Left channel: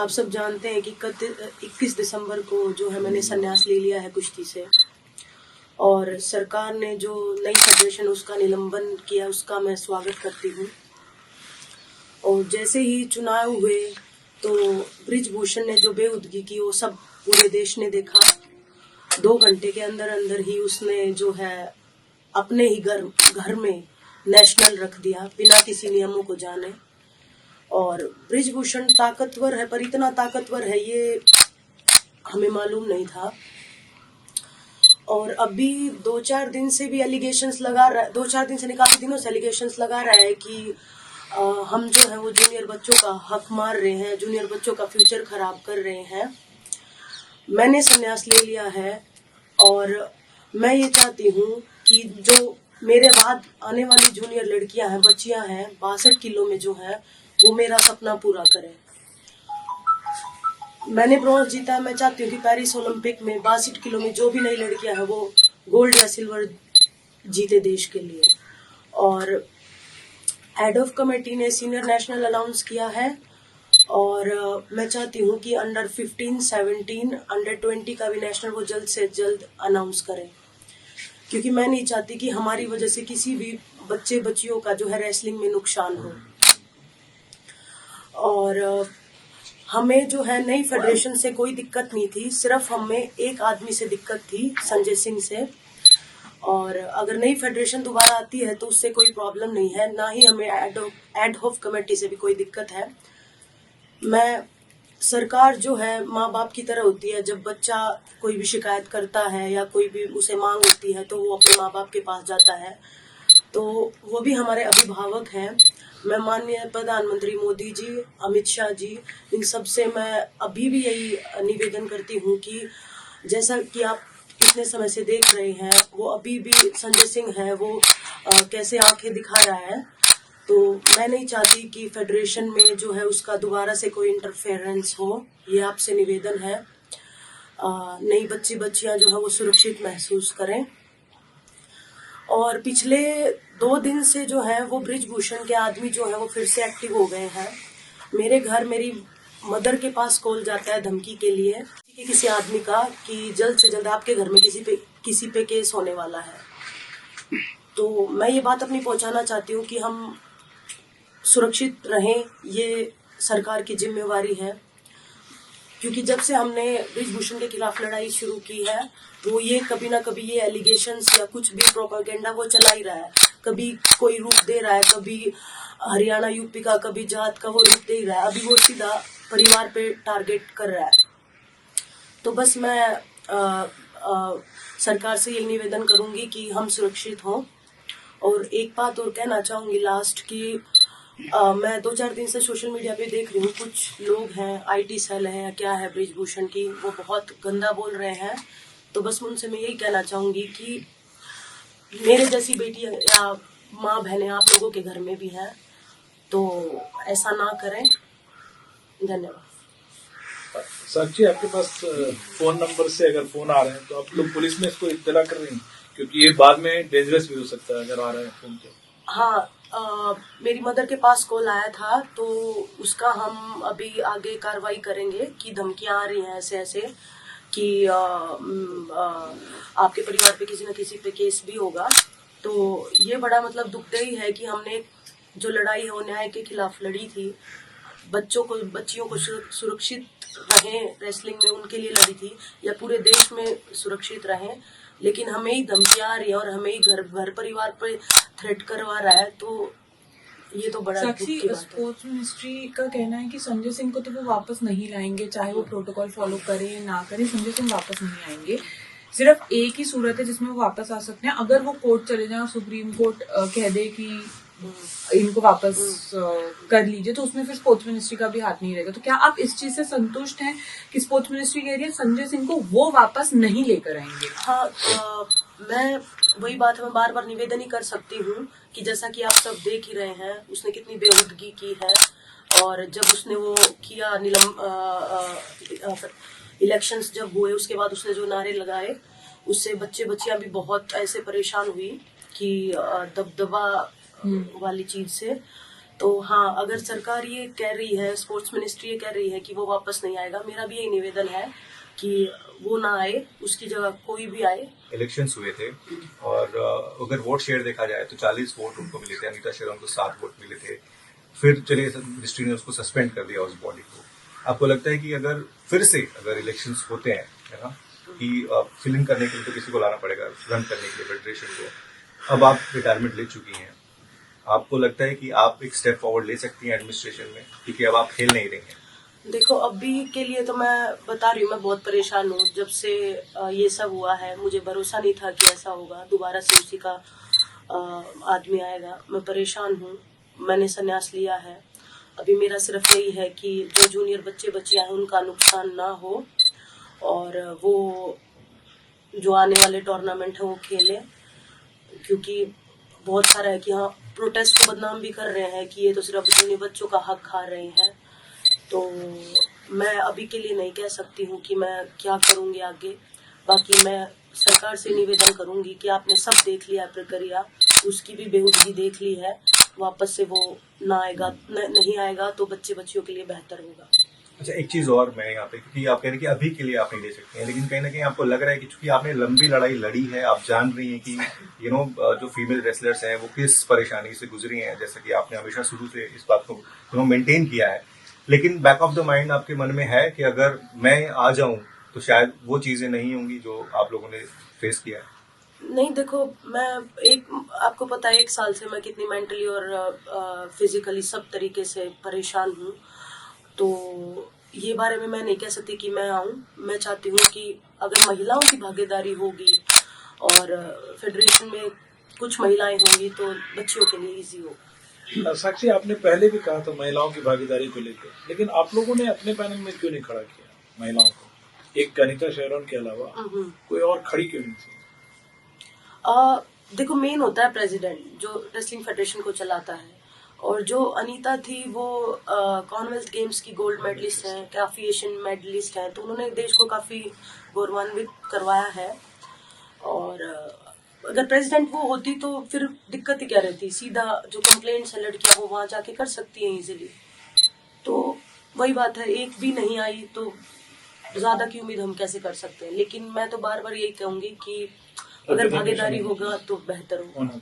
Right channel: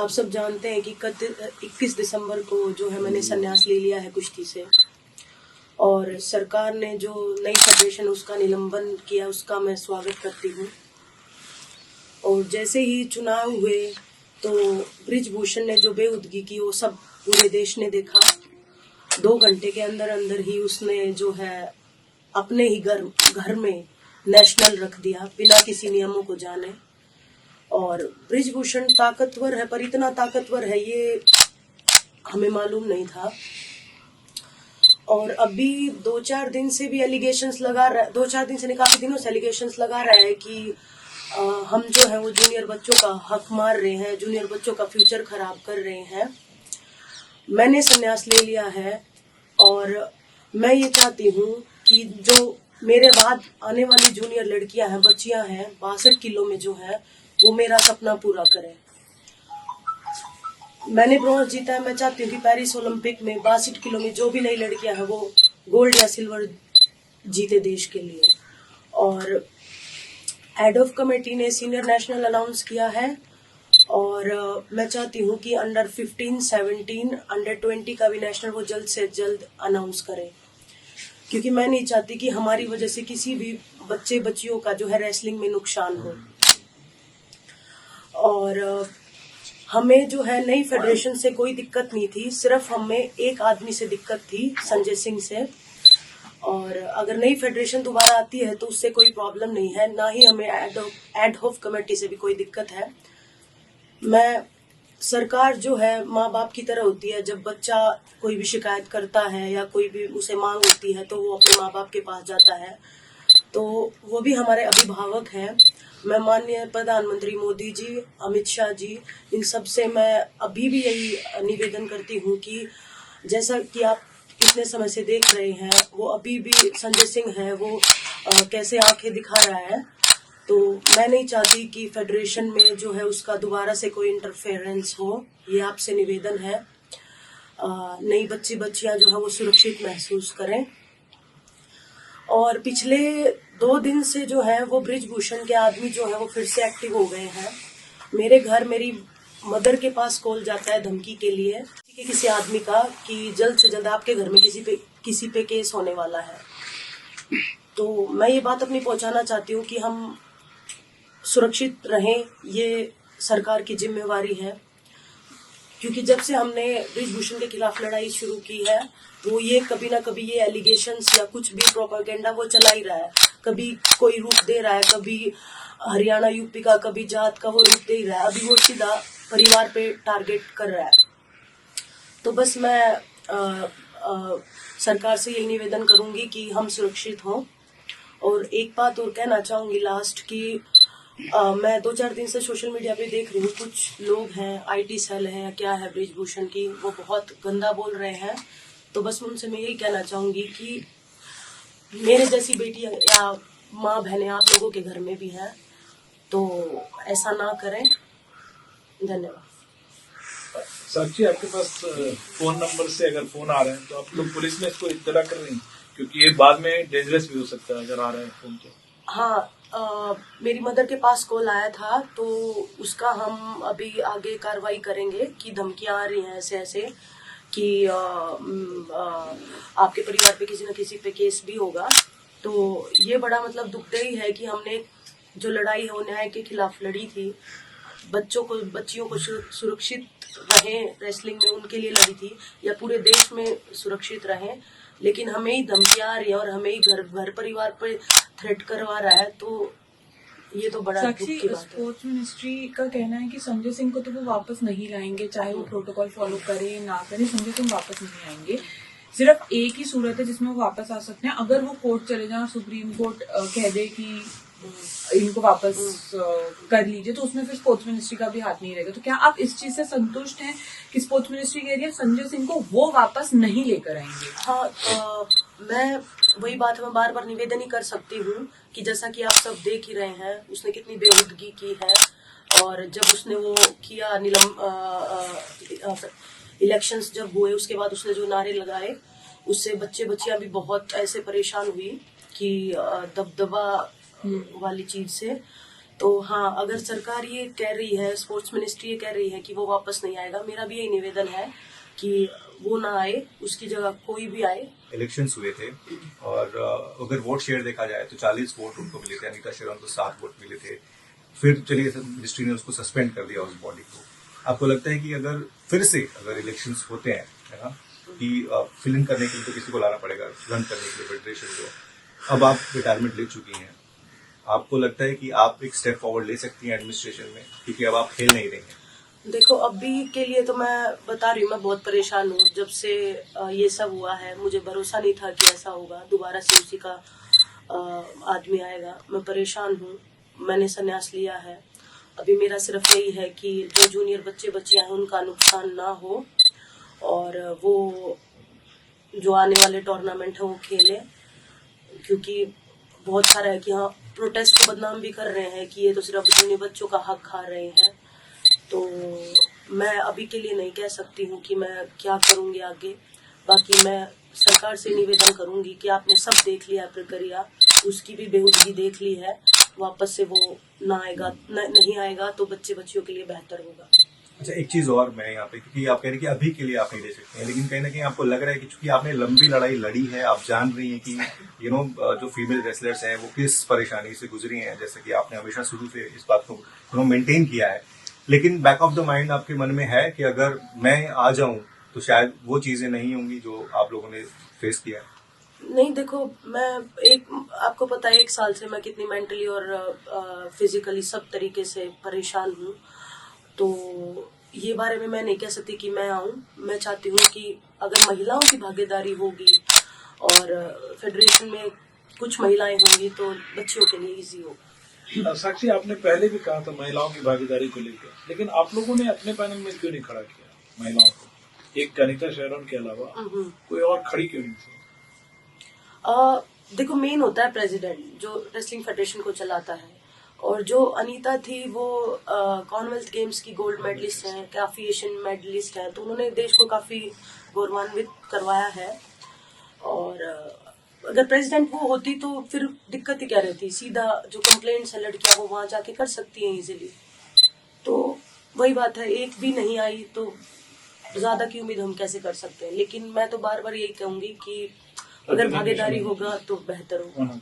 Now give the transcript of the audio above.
आप सब जानते हैं कि 21 दिसंबर को जो है मैंने संन्यास ले लिया है कुश्ती से, और सरकार ने जो नई फेडरेशन उसका निलंबन किया उसका मैं स्वागत करती हूँ। और जैसे ही चुनाव हुए तो बृजभूषण ने जो बेहूदगी की वो सब पूरे देश ने देखा। 2 घंटे के अंदर अंदर ही उसने जो है अपने ही घर में नेशनल रख दिया बिना किसी नियमों को जाने। और बृजभूषण ताकतवर है, पर इतना ताकतवर है ये हमें मालूम नहीं था। और अभी 2-4 दिन से भी एलिगेशंस लगा रहा है, 2-4 दिन से नहीं काफी दिनों से एलिगेशंस लगा रहा है कि हम जो है वो जूनियर बच्चों का हक मार रहे हैं, जूनियर बच्चों का फ्यूचर खराब कर रहे हैं। मैंने संन्यास ले लिया है और मैं ये चाहती हूँ कि जो मेरे बाद आने वाली जूनियर लड़कियां हैं, बच्चियां हैं, 62 किलो में जो है वो मेरा सपना पूरा करें। मैंने ब्रॉन्ज जीता है, मैं चाहती हूँ कि पेरिस ओलंपिक में 62 किलो में जो भी नई लड़कियां हैं वो गोल्ड या सिल्वर जीते देश के लिए। और हेड ऑफ कमेटी ने सीनियर नेशनल अनाउंस किया है और मैं चाहती हूँ कि अंडर 15, 17, अंडर 20 का भी नेशनल वो जल्द से जल्द अनाउंस करें, क्योंकि मैं नहीं चाहती कि हमारी वजह से किसी भी बच्चे बच्चियों का जो है रेसलिंग में नुकसान हो। और हमें जो है नई फेडरेशन से कोई दिक्कत नहीं थी, सिर्फ हमें एक आदमी से दिक्कत थी, संजय सिंह से। और अगर नई फेडरेशन दोबारा आती है तो उससे कोई प्रॉब्लम नहीं है, ना ही हमें एड हॉक कमेटी से भी कोई दिक्कत है। मैं सरकार जो है माँ बाप की तरह होती है, जब बच्चा कोई भी शिकायत करता है या कोई भी उसे मांग होती है तो वो अपने माँ बाप के पास जाता है, तो वो भी हमारे अभिभावक हैं। मैं माननीय प्रधानमंत्री मोदी जी, अमित शाह जी, इन सब से मैं अभी भी यही निवेदन करती हूँ कि जैसा कि आप इतने समय से देख रहे हैं, वो अभी भी संजय सिंह है, वो कैसे आंखें दिखा रहा है। तो मैं नहीं चाहती कि फेडरेशन में जो है उसका दोबारा से कोई इंटरफेरेंस हो, ये आपसे निवेदन है। नई बच्चियां जो है वो सुरक्षित महसूस करें। और पिछले 2 दिन से जो है वो बृजभूषण के आदमी जो है वो फिर से एक्टिव हो गए हैं। मेरे घर मेरी मदर के पास कॉल जाता है धमकी के लिए किसी आदमी का कि जल्द से जल्द आपके घर में किसी पे केस होने वाला है। तो मैं ये बात अपनी पहुंचाना चाहती हूँ कि हम सुरक्षित रहें, ये सरकार की जिम्मेवारी है। क्योंकि जब से हमने बृजभूषण के खिलाफ लड़ाई शुरू की है तो ये कभी ना कभी ये एलिगेशंस या कुछ भी प्रोपेगेंडा वो चला ही रहा है। कभी कोई रूप दे रहा है, कभी हरियाणा यूपी का, कभी जात का वो रूप दे ही रहा है। अभी वो सीधा परिवार पे टारगेट कर रहा है। तो बस मैं सरकार से यही निवेदन करूंगी कि हम सुरक्षित हों। और एक बात और कहना चाहूंगी लास्ट की मैं 2-4 दिन से सोशल मीडिया पे देख रही हूँ, कुछ लोग हैं, IT सेल है क्या है बृजभूषण की, वो बहुत गंदा बोल रहे हैं। तो बस उनसे मैं यही कहना चाहूंगी कि मेरे जैसी बेटी या माँ बहनें आप लोगों के घर में भी हैं, तो ऐसा ना करें। धन्यवाद। साक्षी, आपके पास फोन नंबर से अगर फोन आ रहे हैं तो आप लोग पुलिस में इसको इत्तला कर रही हैं, क्योंकि ये बाद में डेंजरस भी हो सकता है अगर आ रहे हैं फोन तो। हाँ, मेरी मदर के पास कॉल आया था तो उसका हम अभी आगे कार्रवाई करेंगे कि धमकियां आ रही हैं ऐसे ऐसे कि आपके परिवार पे किसी न किसी पे केस भी होगा। तो ये बड़ा मतलब दुखदाई है कि हमने जो लड़ाई है वो न्याय के खिलाफ लड़ी थी, बच्चियों को सुरक्षित रहें रेसलिंग में उनके लिए लड़ी थी, या पूरे देश में सुरक्षित रहें, लेकिन हमें ही धमकियां आ रही है और हमें ही घर परिवार पे थ्रेट करवा रहा है। तो ये तो बड़ा दुख की बात है। स्पोर्ट्स मिनिस्ट्री का कहना है कि संजय सिंह को तो वो वापस नहीं लाएंगे, चाहे वो प्रोटोकॉल फॉलो करे ना करे, संजय सिंह वापस नहीं आएंगे। सिर्फ एक ही सूरत है जिसमें वो वापस आ सकते हैं, अगर वो कोर्ट चले जाए और सुप्रीम कोर्ट कह दे कि इनको वापस कर लीजिए, तो उसमें फिर स्पोर्ट्स मिनिस्ट्री का भी हाथ नहीं रहेगा। तो क्या आप इस चीज से संतुष्ट हैं कि स्पोर्ट्स मिनिस्ट्री कह रही है संजय सिंह को वो वापस नहीं लेकर आएंगे? हाँ, मैं वही बात मैं बार बार निवेदन ही कर सकती हूँ कि जैसा कि आप सब देख ही रहे हैं उसने कितनी बेहूदगी की है। और जब उसने वो किया इलेक्शंस जब हुए उसके बाद उसने जो नारे लगाए उससे बच्चियां भी बहुत ऐसे परेशान हुई कि दबदबा वाली चीज से। तो हाँ, अगर सरकार ये कह रही है, स्पोर्ट्स मिनिस्ट्री ये कह रही है कि वो वापस नहीं आएगा, मेरा भी यही निवेदन है कि वो ना आए, उसकी जगह कोई भी आए। इलेक्शंस हुए थे और अगर वोट शेयर देखा जाए तो 40 वोट उनको मिले थे, अनीता शेरन को 7 वोट मिले थे। फिर चलिए मिनिस्ट्री ने उसको सस्पेंड कर दिया उस बॉडी को। आपको लगता है कि अगर फिर से अगर इलेक्शंस होते हैं, है ना, कि फिल इन करने के लिए तो किसी को लाना पड़ेगा, रन करने के लिए फेडरेशन को। अब आप रिटायरमेंट ले चुकी हैं, आपको लगता है कि आप एक स्टेप फॉरवर्ड ले सकती हैं एडमिनिस्ट्रेशन में, क्योंकि अब आप खेल नहीं रही हैं? देखो, अभी के लिए तो मैं बता रही हूँ, मैं बहुत परेशान हूँ। जब से ये सब हुआ है, मुझे भरोसा नहीं था कि ऐसा होगा, दोबारा से उसी का आदमी आएगा। मैं परेशान हूँ, मैंने संन्यास लिया है। अभी मेरा सिर्फ यही है कि जो जूनियर बच्चे बच्चियां हैं उनका नुकसान ना हो, और वो जो आने वाले टूर्नामेंट है वो खेले। क्योंकि बहुत सारा है कि हाँ, प्रोटेस्ट को बदनाम भी कर रहे हैं कि ये तो सिर्फ जूनियर बच्चों का हक खा रहे हैं। तो मैं अभी के लिए नहीं कह सकती हूँ कि मैं क्या करूँगी आगे। बाकी मैं सरकार से निवेदन करूँगी कि आपने सब देख लिया प्रक्रिया, उसकी भी बेहूदगी देख ली है, वापस से वो नहीं आएगा तो बच्चे बच्चियों के लिए बेहतर होगा। अच्छा, एक चीज और मैं यहाँ पे, क्योंकि आप कह रहे हैं कि अभी के लिए आप नहीं ले सकते हैं, लेकिन कहीं ना कहीं आपको लग रहा है कि चूंकि आपने लंबी लड़ाई लड़ी है, आप जान रही हैं कि जो फीमेल रेसलर्स हैं वो किस परेशानी से गुजरी हैं, जैसे कि आपने हमेशा शुरू से इस बात को मेंटेन किया है। लेकिन बैक ऑफ द माइंड आपके मन में है कि अगर मैं आ जाऊं तो शायद वो चीजें नहीं होंगी जो आप लोगों ने फेस किया। नहीं, देखो, आपको पता है 1 साल से मैं कितनी मेंटली और फिजिकली सब तरीके से परेशान हूँ। तो ये बारे में मैं नहीं कह सकती कि मैं आऊँ। मैं चाहती हूँ कि अगर महिलाओं की भागीदारी होगी और फेडरेशन में कुछ महिलाएं होंगी तो बच्चियों के लिए इजी होगा। साक्षी, आपने पहले भी कहा था महिलाओं की भागीदारी को लेकर, लेकिन आप लोगों ने अपने पैनल में क्यों नहीं खड़ा किया महिलाओं को? एक अनीता शेरन के अलावा कोई और खड़ी क्यों नहीं थी? देखो, मेन होता है प्रेसिडेंट जो रेसलिंग फेडरेशन को चलाता है, और जो अनीता थी वो कॉमनवेल्थ गेम्स की गोल्ड मेडलिस्ट हैं, काफी एशियन मेडलिस्ट हैं, तो उन्होंने देश को काफी गौरवान्वित करवाया है। और अगर प्रेसिडेंट वो होती तो फिर दिक्कत ही क्या रहती, सीधा जो कंप्लेंट्स है लड़कियां वो वहां जाके कर सकती हैं इजीली। तो वही बात है, एक भी नहीं आई तो ज्यादा की उम्मीद हम कैसे कर सकते हैं। लेकिन मैं तो बार बार यही कहूंगी कि अगर भागीदारी होगा तो बेहतर होगा।